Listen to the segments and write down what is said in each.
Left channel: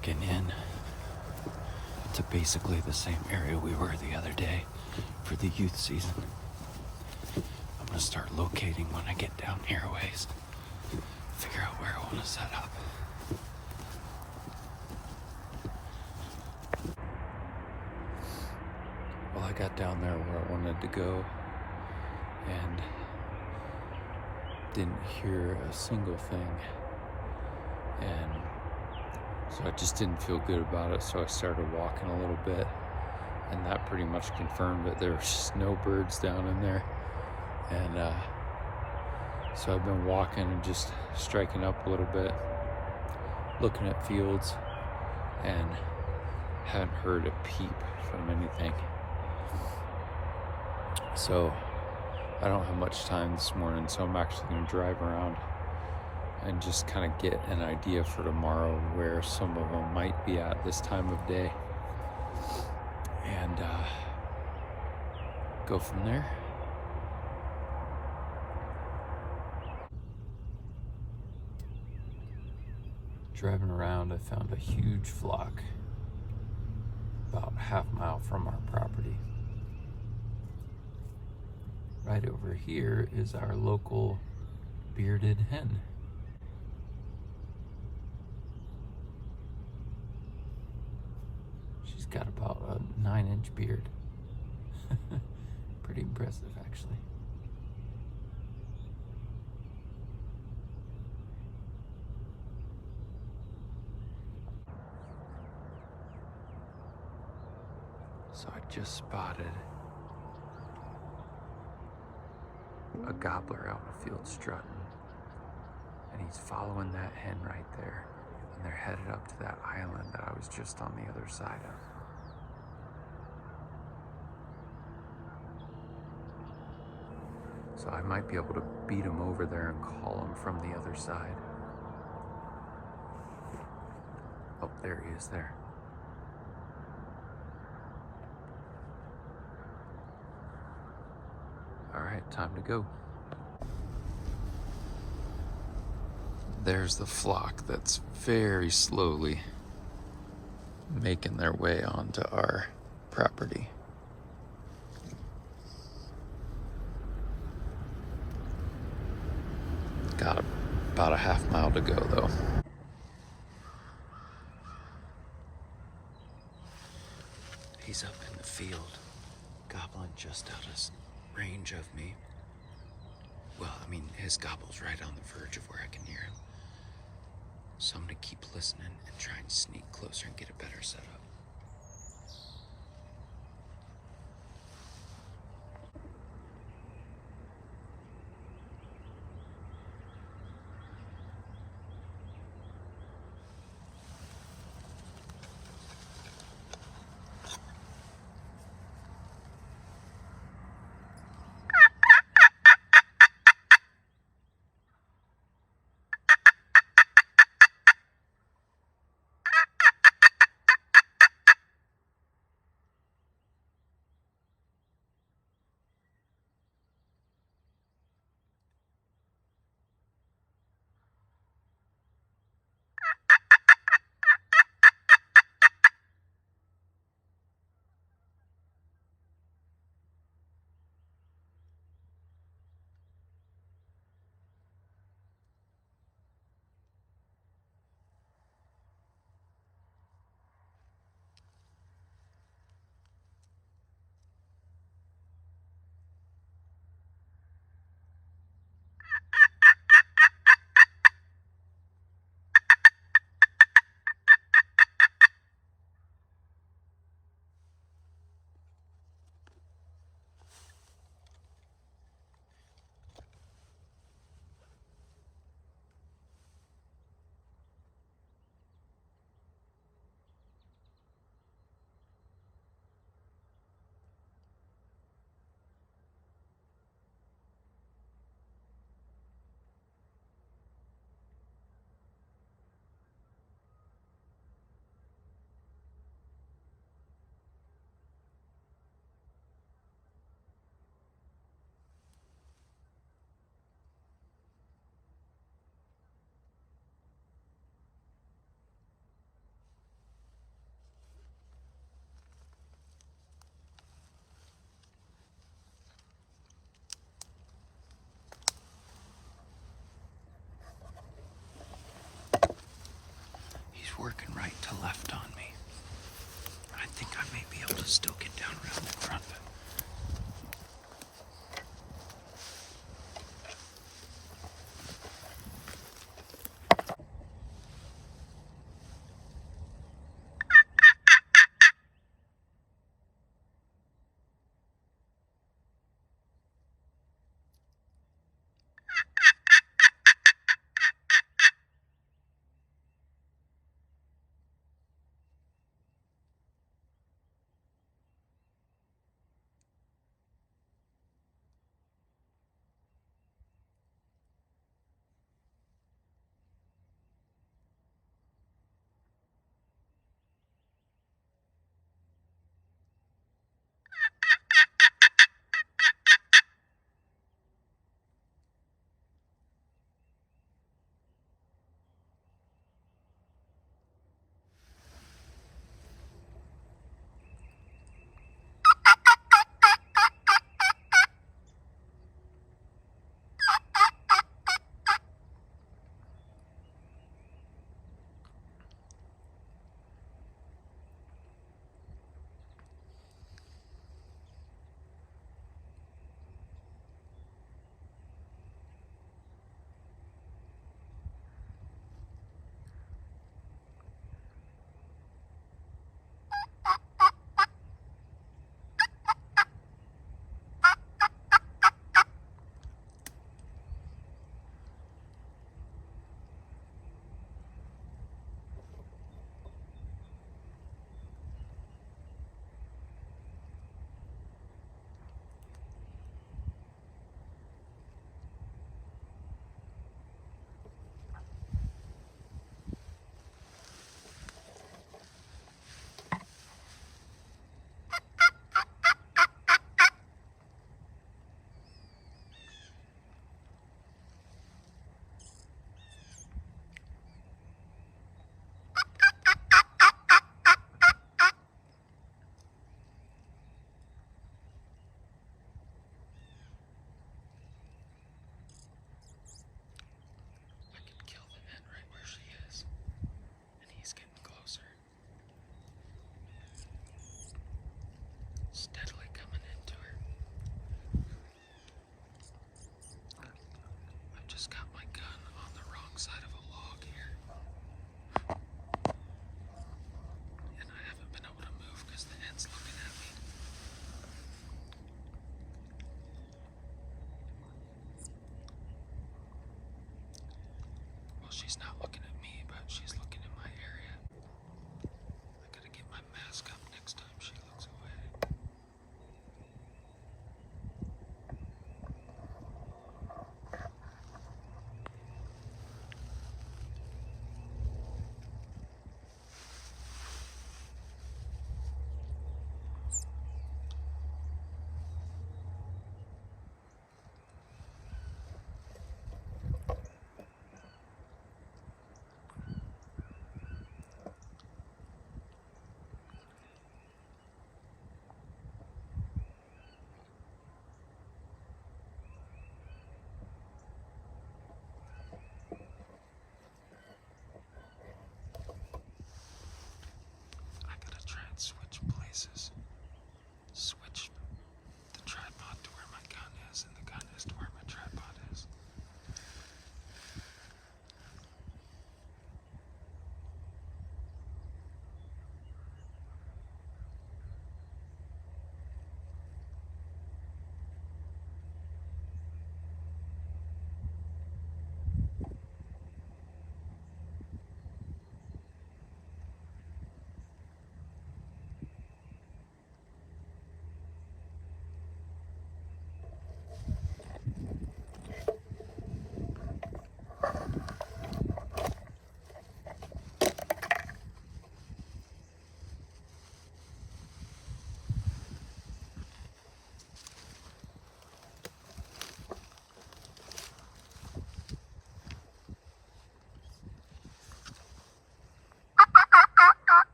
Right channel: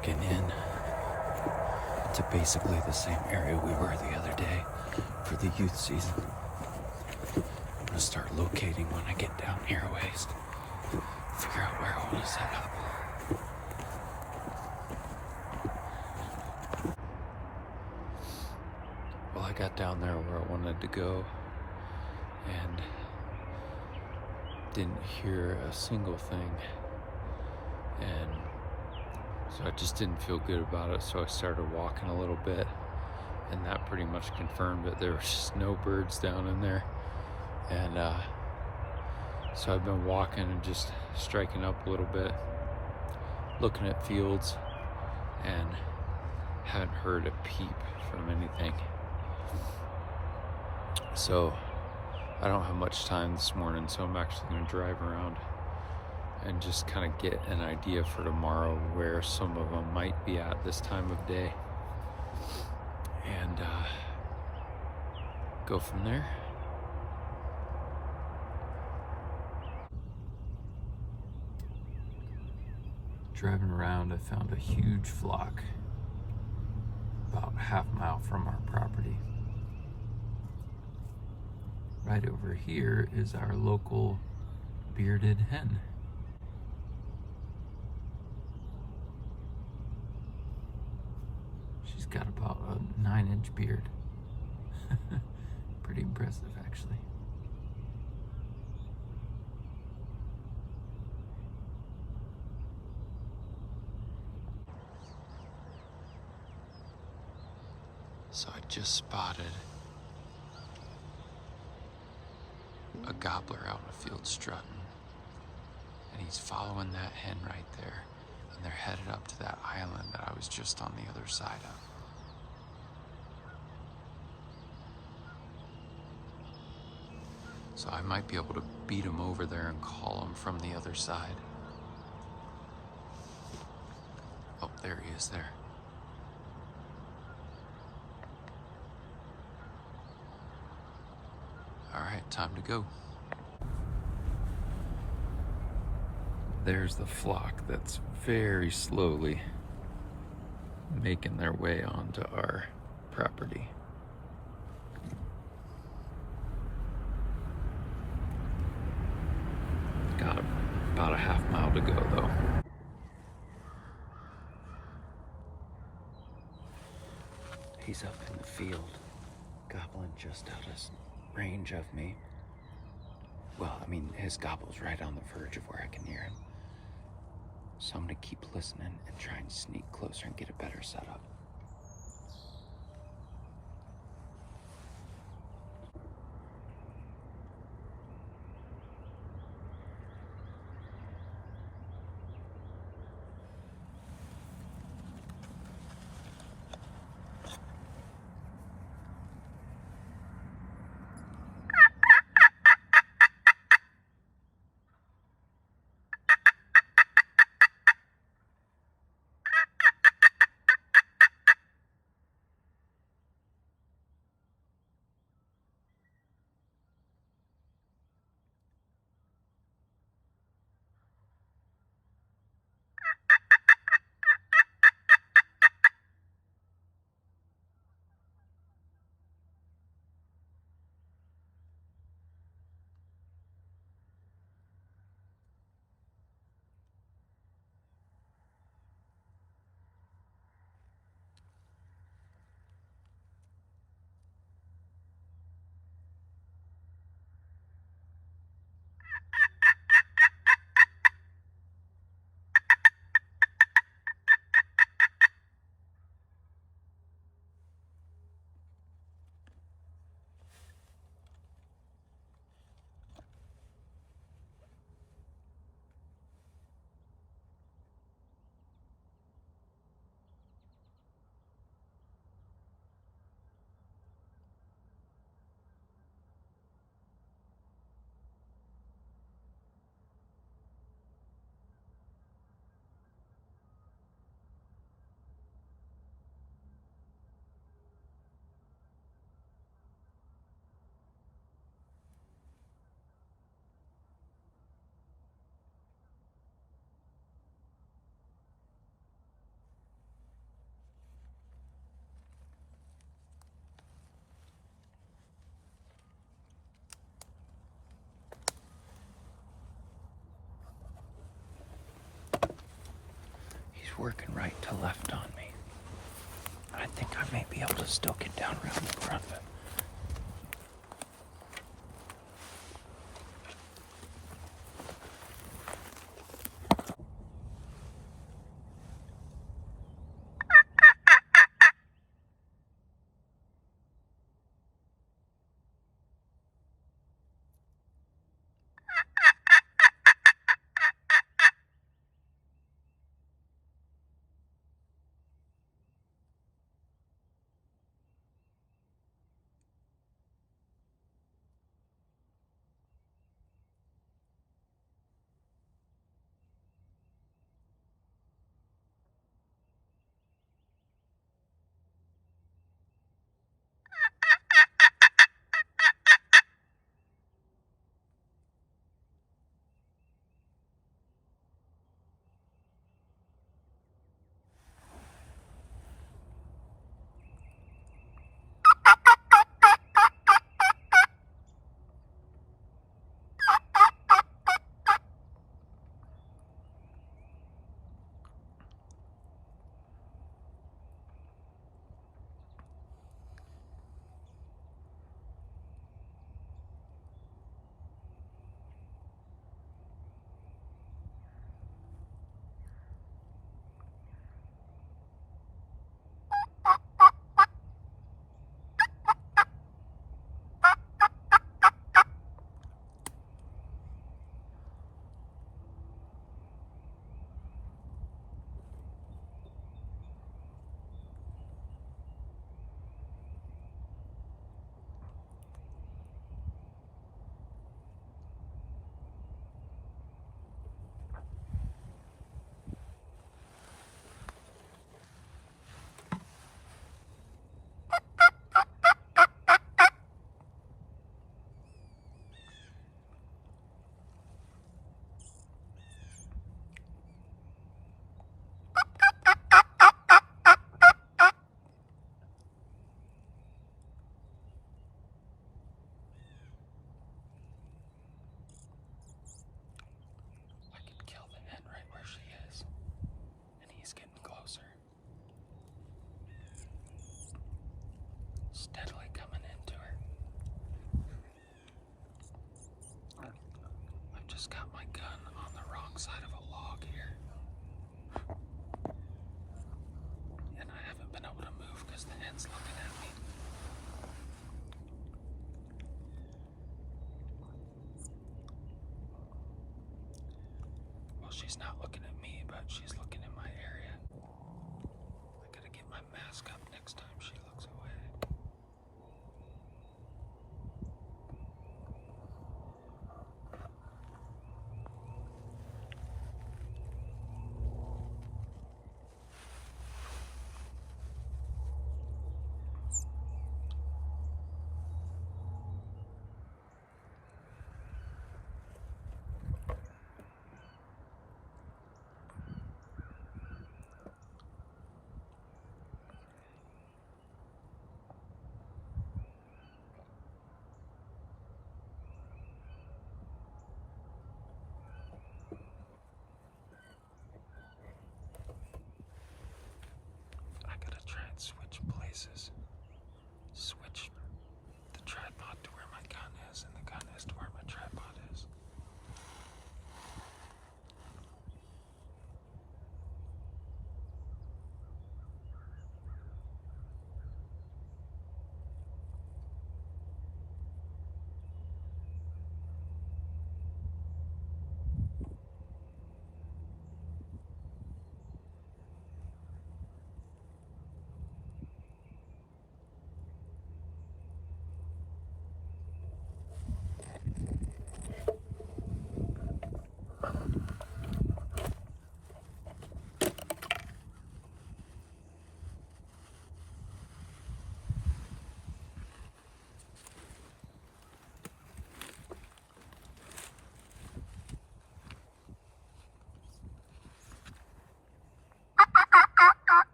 walking in to basically the same area we were the other day for the youth season. I'm gonna start locating when I get down here a ways, figure out where I want to set up. Well, I got down there where I wanted to go and didn't hear a single thing, and so I just didn't feel good about it. So I started walking a little bit, and that pretty much confirmed it. There was just no birds down in there, and so I've been walking and just striking up a little bit, looking at fields, and haven't heard a peep from anything. So I don't have much time this morning, so I'm actually going to drive around and just kind of get an idea for tomorrow where some of them might be at this time of day, and go from there. Driving around, I found a huge flock about half a mile from our property. Right over here is our local bearded hen. She's got about a 9-inch beard. Pretty impressive, actually. So I just spotted a gobbler out in the field strutting, and he's following that hen right there, and they're headed up to that island that I was just on the other side of. So I might be able to beat him over there and call him from the other side. Oh, there he is there. All right, time to go. There's the flock that's very slowly making their way onto our property. Got about a half mile to go though. He's up in the field, gobbling just out of range of me. Well, I mean, his gobble's right on the verge of where I can hear him. So I'm gonna keep listening and try and sneak closer and get a better setup. working right to left on me. I think I may be able to still get down around in front of him. Steadily coming into it. I've just got my gun on the wrong side of a log here. And I haven't been able to move because the end's looking at me. Well, she's not looking at me, but she's looking in my area. I gotta get my mask up next time she looks away.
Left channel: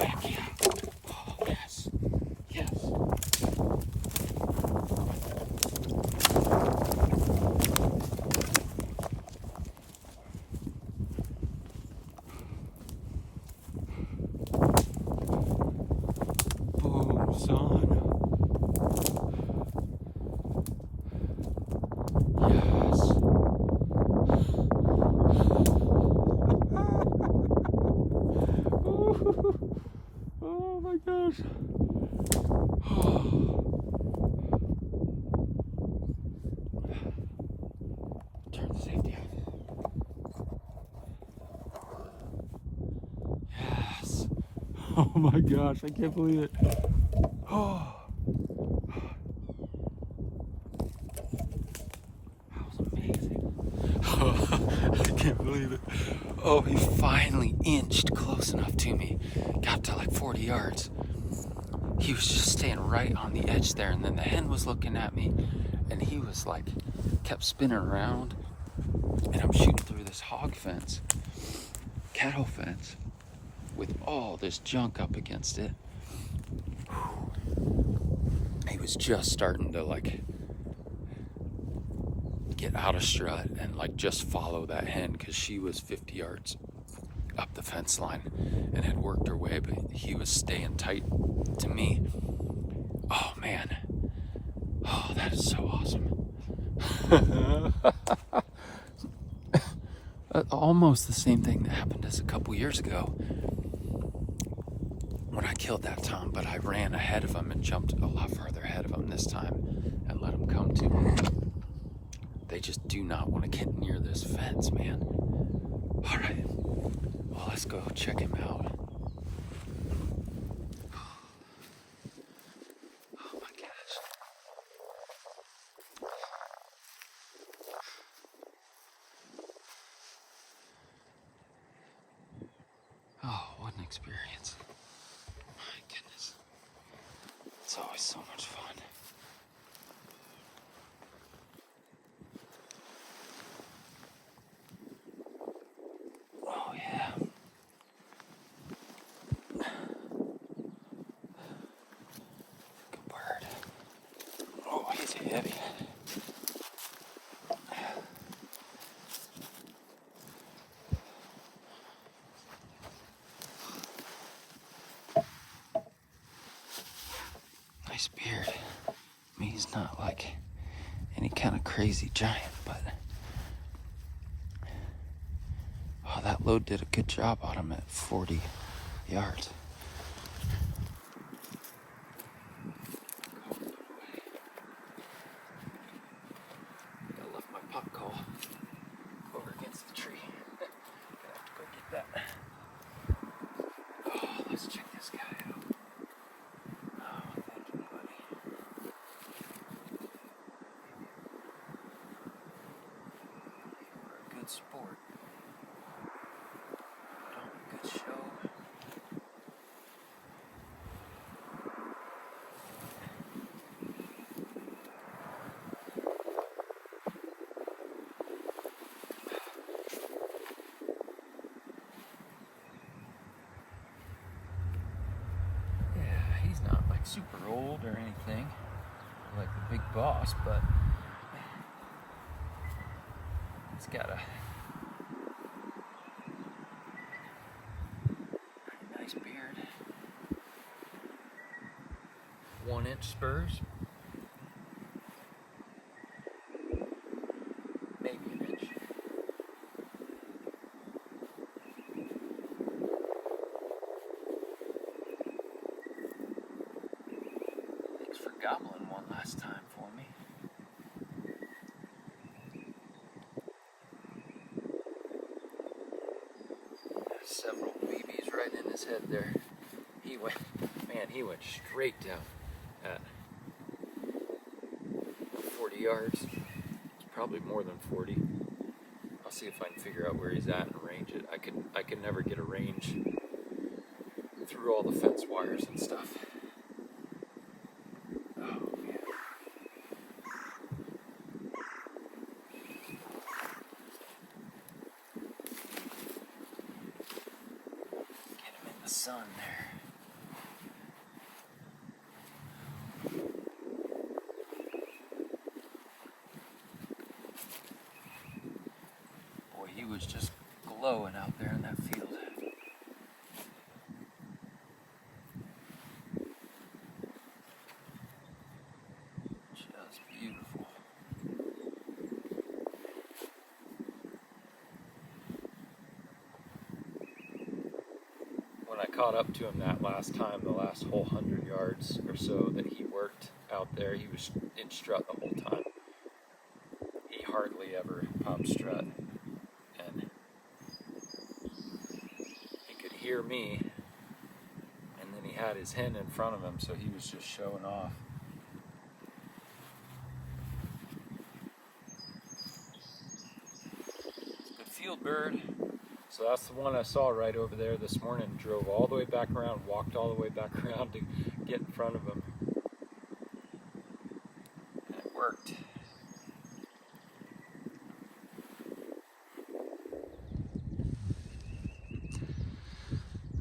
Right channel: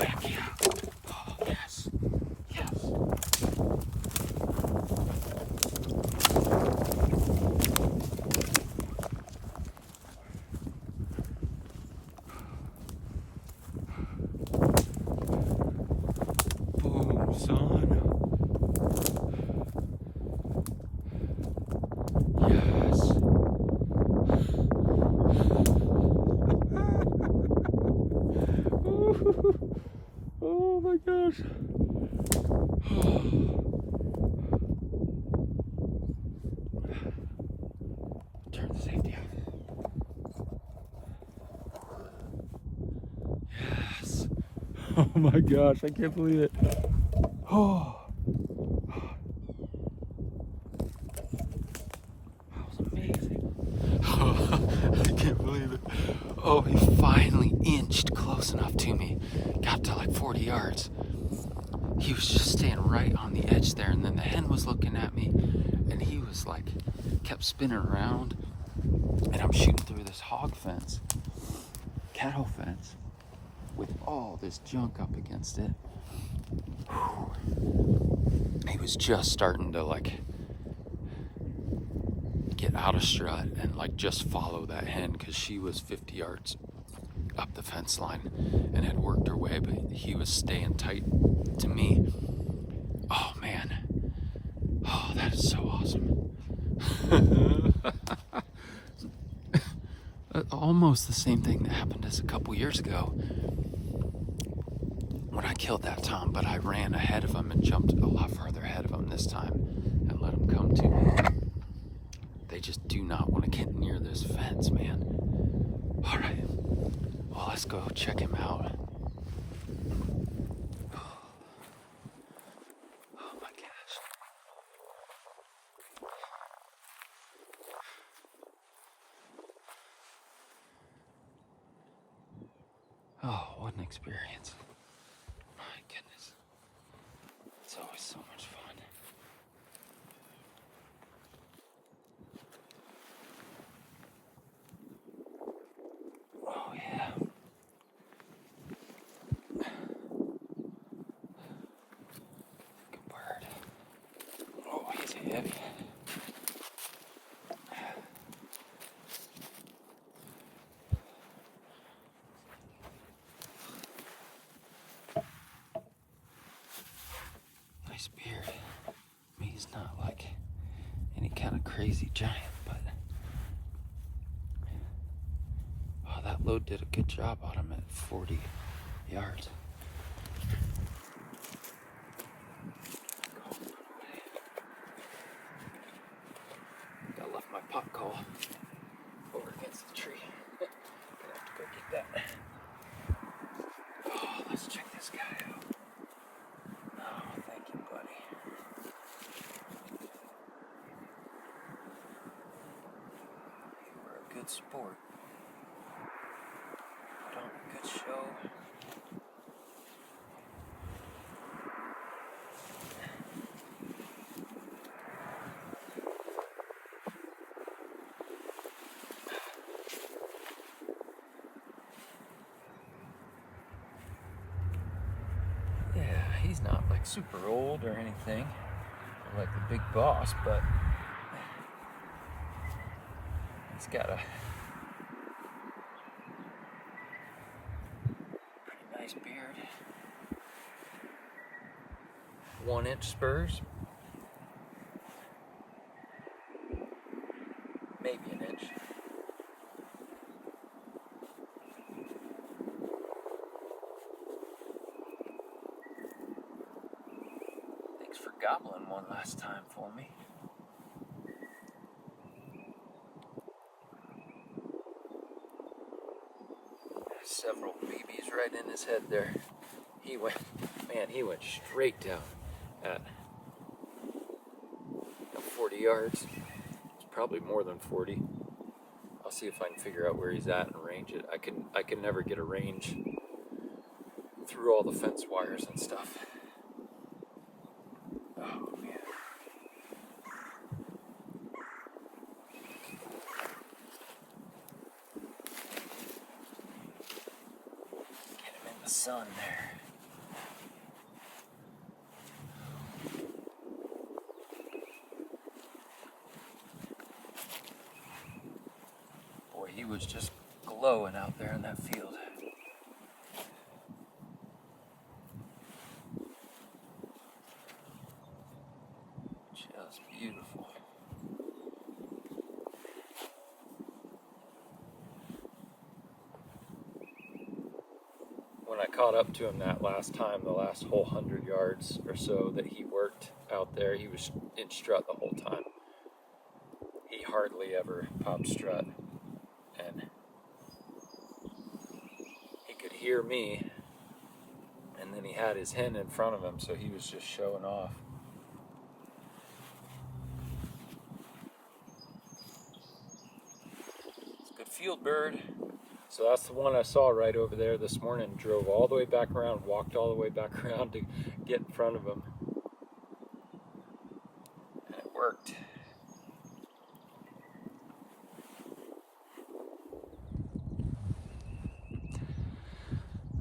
heck yeah. Oh, yes. Yes. Boom, son. Yes. Oh my gosh. Turn the safety off. Yes. Oh my gosh, I can't believe it. Oh. That was amazing. I can't believe it. Oh, he finally inched close enough to me. Got to like 40 yards. He was just staying right on the edge there, and then the hen was looking at me, and he was like, kept spinning around, and I'm shooting through this hog fence, cattle fence, with all this junk up against it. He was just starting to like get out of strut and like just follow that hen, because she was 50 yards up the fence line and had worked her way, but he was staying tight to me. Oh man. Oh, that is so awesome. Almost the same thing that happened as a couple years ago when I killed that tom, but I ran ahead of him and jumped a lot farther ahead of him this time and let him come to me. They just do not want to get near this fence, man. All right, well, let's go check him out. Oh my gosh. Oh, what an experience. My goodness. It's always so much fun. Oh yeah. Good bird. Oh, he's heavy. Nice beard. I mean, he's not like any kind of crazy giant, but oh, that load did a good job on him at 40 yards. I left my pot call over against the tree. Gonna have to go get that. Oh, let's check this guy out. Oh, thank you, buddy. You were a good sport. Put on a good show. Yeah, he's not like super old or anything, or like the big boss, but he's got a pretty nice beard. 1-inch spurs. Maybe an inch. Thanks for gobbling one last time for me. Several BBs right in his head there. He went straight down at 40 yards. It's probably more than 40. I'll see if I can figure out where he's at and range it. I can never get a range through all the fence wires and stuff. Oh man. Get him in the sun there. was just glowing out there in that field. Just beautiful. When I caught up to him that last time, the last whole 100 yards or so that he worked out there, he was in strut the whole time. He hardly ever popped strut, and he could hear me, and then he had his hen in front of him, so he was just showing off. It's a good field bird. So that's the one I saw right over there this morning. Drove all the way back around, walked all the way back around to get in front of him. And it worked.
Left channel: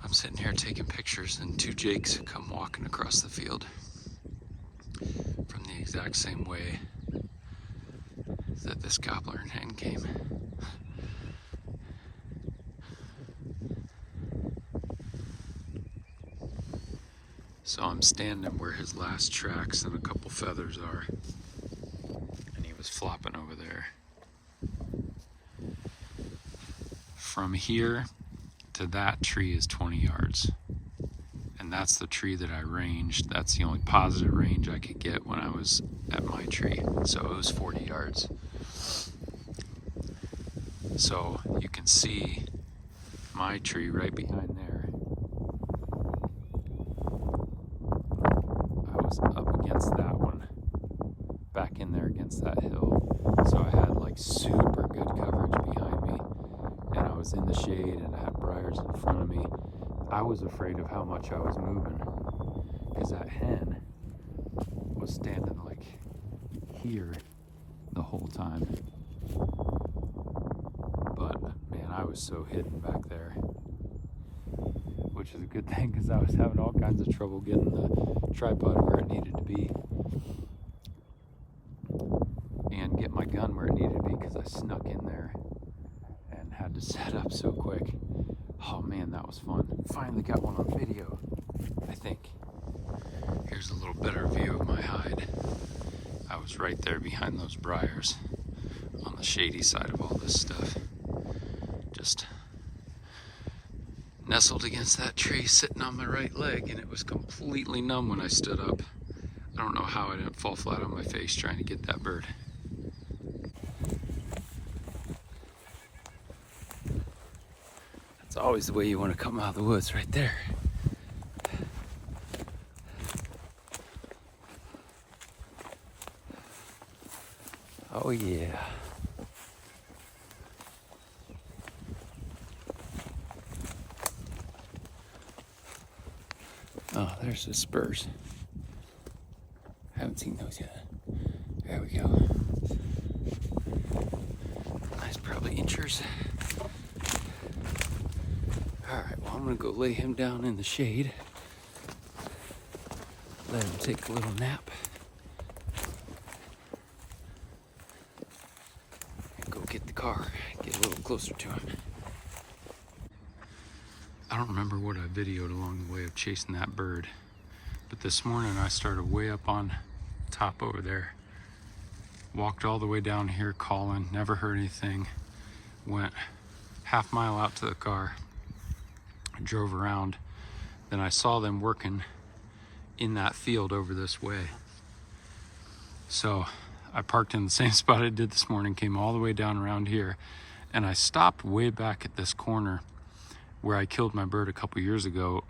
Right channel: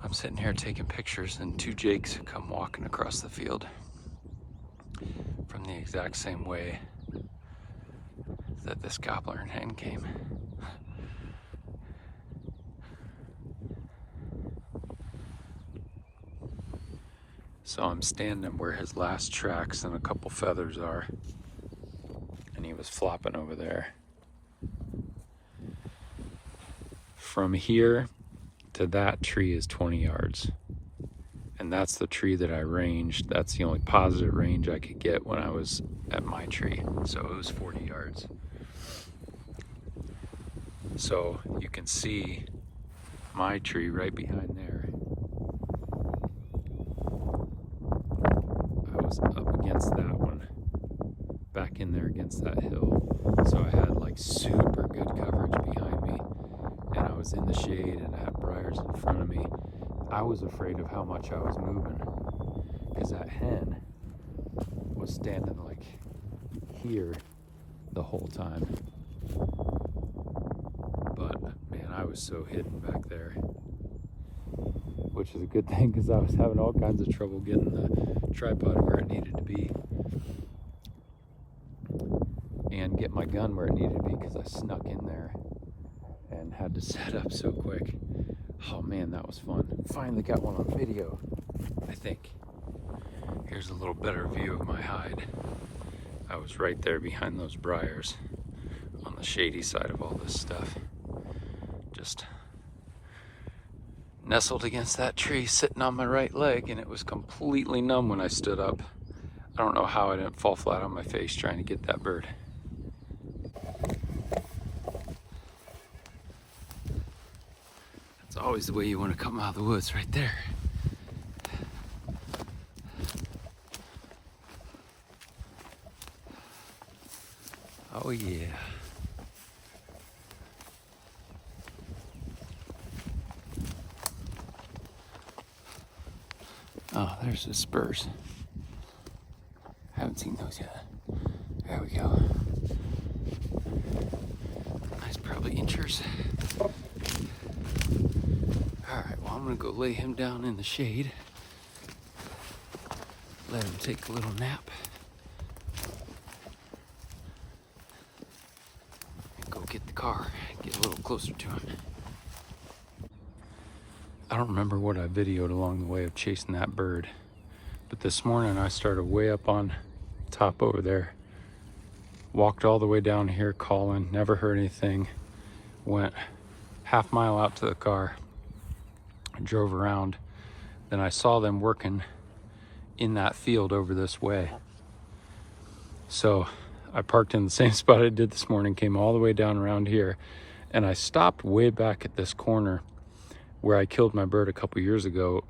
I'm sitting here taking pictures, and two jakes come walking across the field from the exact same way that this gobbler and hen came. So I'm standing where his last tracks and a couple feathers are, and he was flopping over there. From here to that tree is 20 yards, and that's the tree that I ranged. That's the only positive range I could get when I was at my tree, so it was 40 yards. So you can see my tree right behind there. Up against that one, back in there against that hill, so I had like super good coverage behind me, and I was in the shade and I had briars in front of me. I was afraid of how much I was moving, because that hen was standing like here the whole time, but man, I was so hidden back there, which is a good thing, because I was having all kinds of trouble getting the tripod where it needed to be and get my gun where it needed to be, because I snuck in there and had to set up so quick. Oh man, that was fun. Finally got one on video, I think. Here's a little better view of my hide. I was right there behind those briars on the shady side of all this stuff. Just nestled against that tree, sitting on my right leg, and it was completely numb when I stood up. I don't know how I didn't fall flat on my face trying to get that bird. That's always the way you want to come out of the woods, right there. Oh yeah. Oh, there's the spurs. Haven't seen those yet. There we go. Nice, probably inchers. Alright, well, I'm gonna go lay him down in the shade. Let him take a little nap. And go get the car. Get a little closer to him. I don't remember what I videoed along the way of chasing that bird, but this morning I started way up on top over there, walked all the way down here calling, never heard anything, went half mile out to the car, drove around, then I saw them working in that field over this way. So I parked in the same spot I did this morning, came all the way down around here, and I stopped way back at this corner where I killed my bird a couple years ago,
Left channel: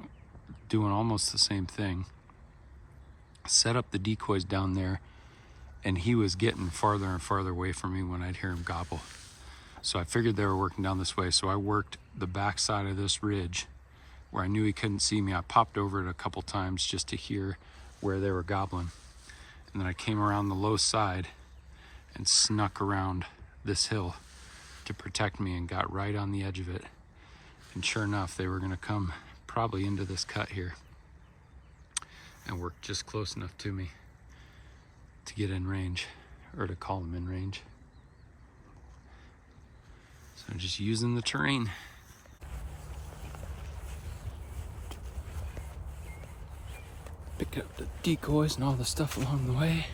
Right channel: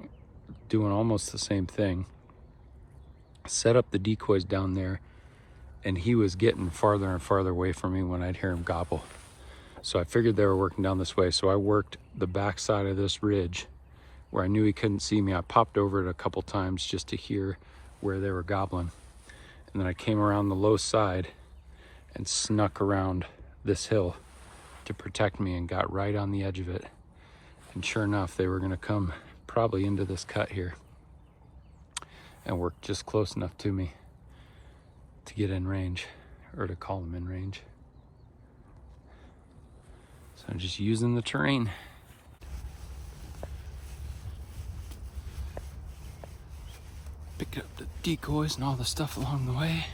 doing almost the same thing. Set up the decoys down there, and he was getting farther and farther away from me when I'd hear him gobble. So I figured they were working down this way, so I worked the back side of this ridge where I knew he couldn't see me. I popped over it a couple times just to hear where they were gobbling. And then I came around the low side and snuck around this hill to protect me and got right on the edge of it. And sure enough, they were gonna come probably into this cut here and work just close enough to me to get in range, or to call them in range. So I'm just using the terrain. Picked up the decoys and all the stuff along the way.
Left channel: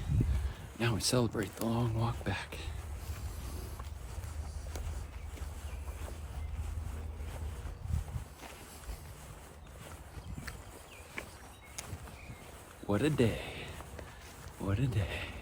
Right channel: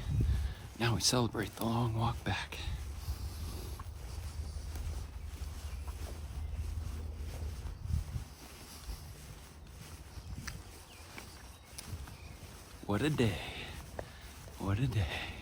Now we celebrate the long walk back. What a day. What a day.